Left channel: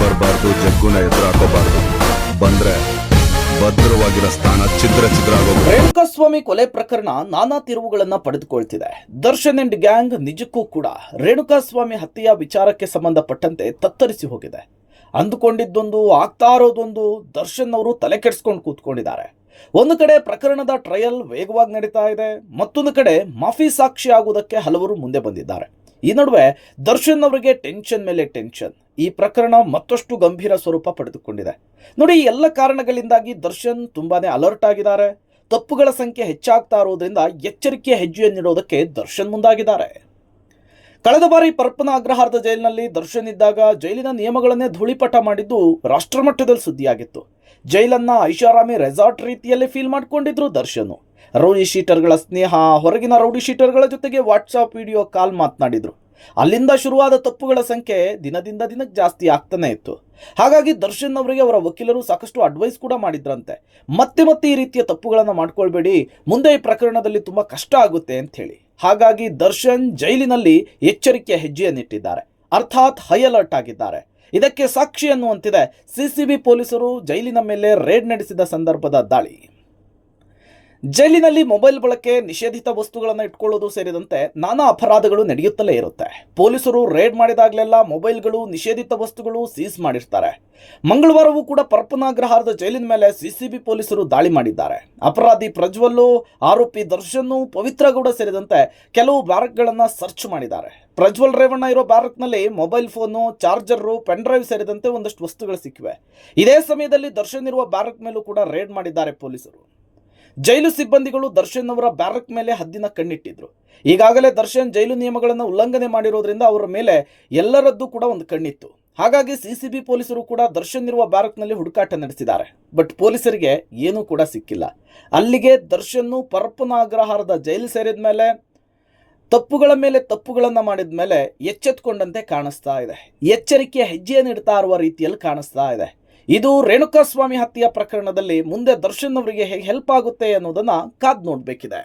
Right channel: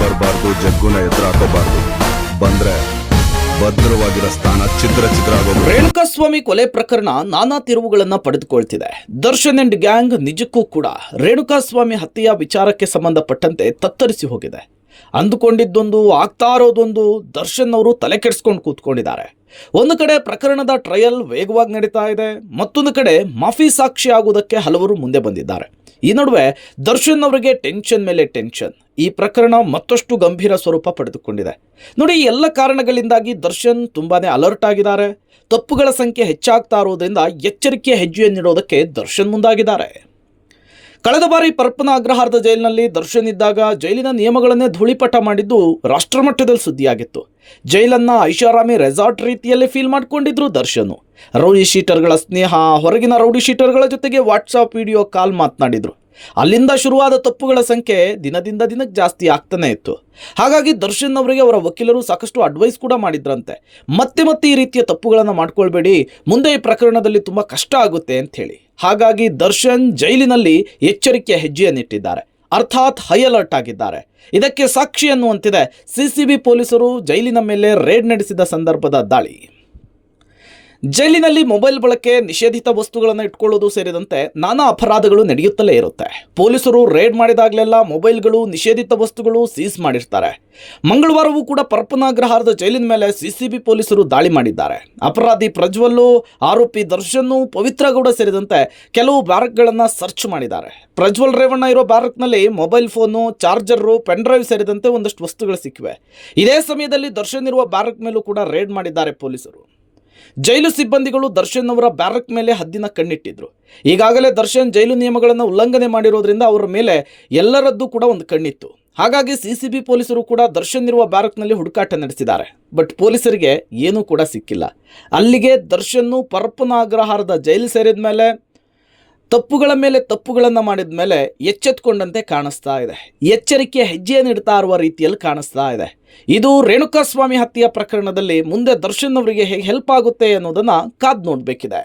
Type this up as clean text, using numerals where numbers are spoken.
ಬರಬಾರ್ದು, ಜಗ್ಗುನ ಎದುರು ಹಾಕೋಬಾರ್ದು. ಬಂದ್ರೆ ಭದ್ರವಾಗಿರೋ ಸ್ಥಾನ ಛಿದ್ರ ಆಗೋದು. ರೇಣುಕಾಸ್ವಾಮಿ ಕೊಲೆ ಪ್ರಕರಣ ನಾನಾ ತಿರುವುಗಳನ್ನ ಪಡೆದುಕೊಳ್ತಿದೆ. ದರ್ಶನ್ ಅಂಡ್ ಗ್ಯಾಂಗ್ ನಿಜಕ್ಕೂ ಕೂಡ ರೇಣುಕಾಸ್ವಾಮಿ ಹತ್ಯೆಯ ವಿಚಾರಕ್ಕೆ ಸಂಬಂಧಪಟ್ಟಂತೆ ತತ್ತರಿಸಿ ಹೋಗಿದೆ. ಅಂದುಕೊಂಡಿದ್ದೊಂದು ಆಗ್ತಾ ಇರೋದೊಂದು. ದರ್ಶನ್ ಅವರು ತಲೆ ಕೆಡಿಸ್ಕೊಂಡು ಕೂತ್ಕೊಂಡಿದ್ದಾರೆ. ಒಂದು ಕಡೆ ಪ್ರಕರಣದ ಟ್ರಯಲ್ ವೇಗವಾಗಿ ನಡೀತಾ ಇದೆ, ಮತ್ತೊಂದು ಕಡೆ ಮಾಫಿ ಸಾಕ್ಷಿ ಆಗುವುದಕ್ಕೆ ಹಲವರು ಮುಂದೆ ಬಂದಿದ್ದಾರೆ. ಈ ನಡುವೆ ದರ್ಶನ್ ಅವರಿಗೆ ಟೆನ್ಷನ್ ಮೇಲೆ ಟೆನ್ಷನ್. ಈ ಪ್ರಕರಣ ಮತ್ತಷ್ಟು ಗಂಭೀರ ಸ್ವರೂಪ ಪಡೆದುಕೊಂಡಿದೆ. ನೋಡಿ, ಈ ಎಲ್ಲ ಕಾರಣಗಳಿಂದಾಗಿ ದರ್ಶನ್ ತುಂಬಾನೇ ಅಲರ್ಟ್ ಆಗಿದ್ದಾರೆ. ತಪ್ಪುಗಳ ಸಂಖ್ಯೆ ಹೆಚ್ಚಾಗ್ತಾ ಇರೋದ್ರಿಂದ ಎಚ್ಚರಿಕೆಯ ಹೆಜ್ಜೆಯನ್ನಿಡೋದಕ್ಕೆ ದರ್ಶನ್ ಮುಂದಾಗಿದ್ದಾರೆ. ಕಳೆದ ಬಾರಿ ಪರಪ್ಪನ ಅಗ್ರಹಾರದ ಜೈಲಿನಲ್ಲಿ ದರ್ಶನ್ ಇದ್ದಾಗ ಜೈಲಿನ ನಿಯಮಗಳನ್ನೇ ಧೂಳಿಪಟ ಮಾಡಿದ್ದು ರಾಷ್ಟ್ರಮಟ್ಟದಲ್ಲಿ ಸುದ್ದಿಯಾಗಿತ್ತು. ಜೈಲನ್ನ ಐಷಾರಾಮಿ ರೆಸಾರ್ಟ್ ರೀತಿಯಲ್ಲಿ ಫೀಲ್ ಮಾಡ್ಕೊಂಡಿದ್ರು ದರ್ಶನ್. ರೌಡಿ ಶೀಟರ್ಗಳ ಸ್ನೇಹ, ಹೊರಗಿನ ರೌಡಿ ಶೀಟರ್ಗಳ ಜೊತೆಗೆ ವಾಟ್ಸಾಪ್ ವಿಡಿಯೋ ಕಾಲ್ ಮಾತನಾಡಿದ್ರು. ಅಲ್ಲಿಂದ ಶುರುವಾದ ತಪ್ಪುಗಳ ಸಂಖ್ಯೆ ದಿನದಿಂದ ದಿನಕ್ಕೆ ಜಾಸ್ತಿ ಆಗ್ತಾನೆ ಇತ್ತು. ಹಾಗಾಗಿ ದರ್ಶನ್ ಅವರಿಗೆ ಅವರ ವಕೀಲರು ಸಾಕಷ್ಟು ಅಡ್ವೈಸ್ ಕೂಡ ಮಾಡಿದ್ರಂತೆ. ಮತ್ತೆ ಈ ರೀತಿಯ ತಪ್ಪುಗಳನ್ನು ಮಾಡ್ಕೊಳ್ಬೇಡಿ, ಮುಂದೆ ಈ ಪ್ರಕರಣದಲ್ಲಿ ತುಂಬಾ ಕಷ್ಟ ಆಗುತ್ತೆ ಅಂತ ಹೇಳಿ. ಹಾಗಾಗಿ ದರ್ಶನ್ ಜೈಲಿನಲ್ಲಿ ಎಚ್ಚರಿಕೆಯ ಹೆಜ್ಜೆಯನ್ನಿಟ್ಟಿದ್ದಾರೆ, ಅರ್ಥಾತ್ ಹೈ ಅಲರ್ಟ್ ಆಗಿದ್ದಾರೆ. ಇದಕ್ಕೆ ಸಾಕ್ಷಿ ಅನ್ನುವಂತಿದೆ ಸಿಸಿಬಿ ಪೊಲೀಸರು ಜೈಲಿನ ಮೇಲೆ ರೇಡ್ ನಡೆಸಿದ ಸಂದರ್ಭದ ದಾಳಿ. ಜೈಲಿನಲ್ಲಿ ಮೊಬೈಲ್ ಬಳಕೆ, ನಿಷೇಧಿತ ವಸ್ತುಗಳನ್ನು ಇಟ್ಕೊಳ್ಳೋದು ಸೇರಿದಂತೆ ನಾನಾ ಅಪರಾಧಗಳು ನಡೆಯುತ್ತಲೇ ಇರುತ್ತೆ. ಪೊಲೀಸರು ರೇಡ್ ಮಾಡಿದಾಗಲೆಲ್ಲ ಮೊಬೈಲ್ಗಳು, ನಿಷೇಧಿತ ವಸ್ತುಗಳು ಸೀಸ್ ಮಾಡಿರ್ತಾರೆ. ಮಂಗಳವಾರವೂ ಕೂಡ ಪರಪ್ಪನಾಗ್ರಹಾರದ ಜೈಲಿನ ಮೇಲೆ ಸಿಸಿಬಿ ಪೊಲೀಸರು ದಾಳಿ ಮಾಡಿದ್ದಾರೆ. ಅಪರಾಧಿ ಪ್ರಜ್ವಲ್ಲು, ಆರೋಪಿ ದರ್ಶನ್, ಪವಿತ್ರಗೌಡ ಸೇರಿದಂತೆ ಕೆಲವು ಬ್ಯಾರಕ್ಗಳನ್ನು ಸರ್ಚ್ ಮಾಡಿದ್ದಾರೆ. ಪ್ರಜ್ವಲ್ ರೇವಣ್ಣ ಇರೋ ಬ್ಯಾರಕ್ನಲ್ಲಿ mobile phone, charger, pen drive ಸೇರಿದಂತೆ ಒಂದಷ್ಟು ವಸ್ತುಗಳು ಸಿಕ್ಕಿವೆ. ಇದೇ ಸಮಯದಲ್ಲಿ ದರ್ಶನ್ ಇರುವ ಬ್ಯಾರಕ್ ಮೇಲೂ ಕೂಡ ರೇಡ್ ಮಾಡಿದ್ದಾರೆ ಪೊಲೀಸರು. ಜೈಲು ಸಿಬ್ಬಂದಿಗಳು ದರ್ಶನ್ ಅವರ ಬ್ಯಾರಕ್ ಮೇಲೆ ಹದ್ದಿನ ಕಣ್ಣಿಟ್ಟಿದ್ರು. ಈಗಾಗಲೇ ದರ್ಶನ್ ಜೈಲು ನಿಯಮಗಳನ್ನು ಉಲ್ಲಂಘನೆ ಮಾಡಿರೋದ್ರಿಂದ ಅವರ ಮೇಲೆ ಎಲ್ಲರದ್ದು ಕೂಡ ಒಂದು ಕಣ್ಣಿತ್ತು. ಹಾಗಾಗಿ ಸಿಸಿಬಿ ಪೊಲೀಸರು ಕೂಡ ದರ್ಶನ್ ಇರುವ ಬ್ಯಾರಕ್ನಲ್ಲಿ ಹುಡುಕಾಟ ನಡೆಸಿದ್ದಾರೆ. ಬಟ್ ಪೊಲೀಸರಿಗೆ ಏನೂ ಕೂಡ ಸಿಕ್ಕಿಲ್ಲ. ಅಲ್ಲಿಗೆ ದರ್ಶನ್ ಪರಪ್ಪನ ಅಗ್ರಹಾರದ ಜೈಲು ಸೇರಿದ ಮೇಲೆ ತಪ್ಪುಗಳ ಮೇಲೆ ತಪ್ಪುಗಳನ್ನು ಮಾಡಿದ ಮೇಲೆ ಎಚ್ಚೆತ್ತುಕೊಂಡಂತೆ ಕಾಣಿಸ್ತಾ ಇದೆ. ಎಚ್ಚರಿಕೆಯ ಹೆಜ್ಜೆಯನ್ನು ಇಡ್ತಾ ಇರುವ ರೀತಿಯಲ್ಲಿ ಕಾಣಿಸ್ತಾ ಇದೆ. ಇದು ರೇಣುಕಾಸ್ವಾಮಿ ಹತ್ಯೆಯ ಪ್ರಕರಣದಲ್ಲಿ ಮುಂದೆ ದರ್ಶನ್ ಅವರಿಗೆ ಹೇಗೆ ಹೆಲ್ಪ್ ಆಗುತ್ತೆ ಅನ್ನೋದನ್ನ ಕಾದು ನೋಡಬೇಕಿದೆ.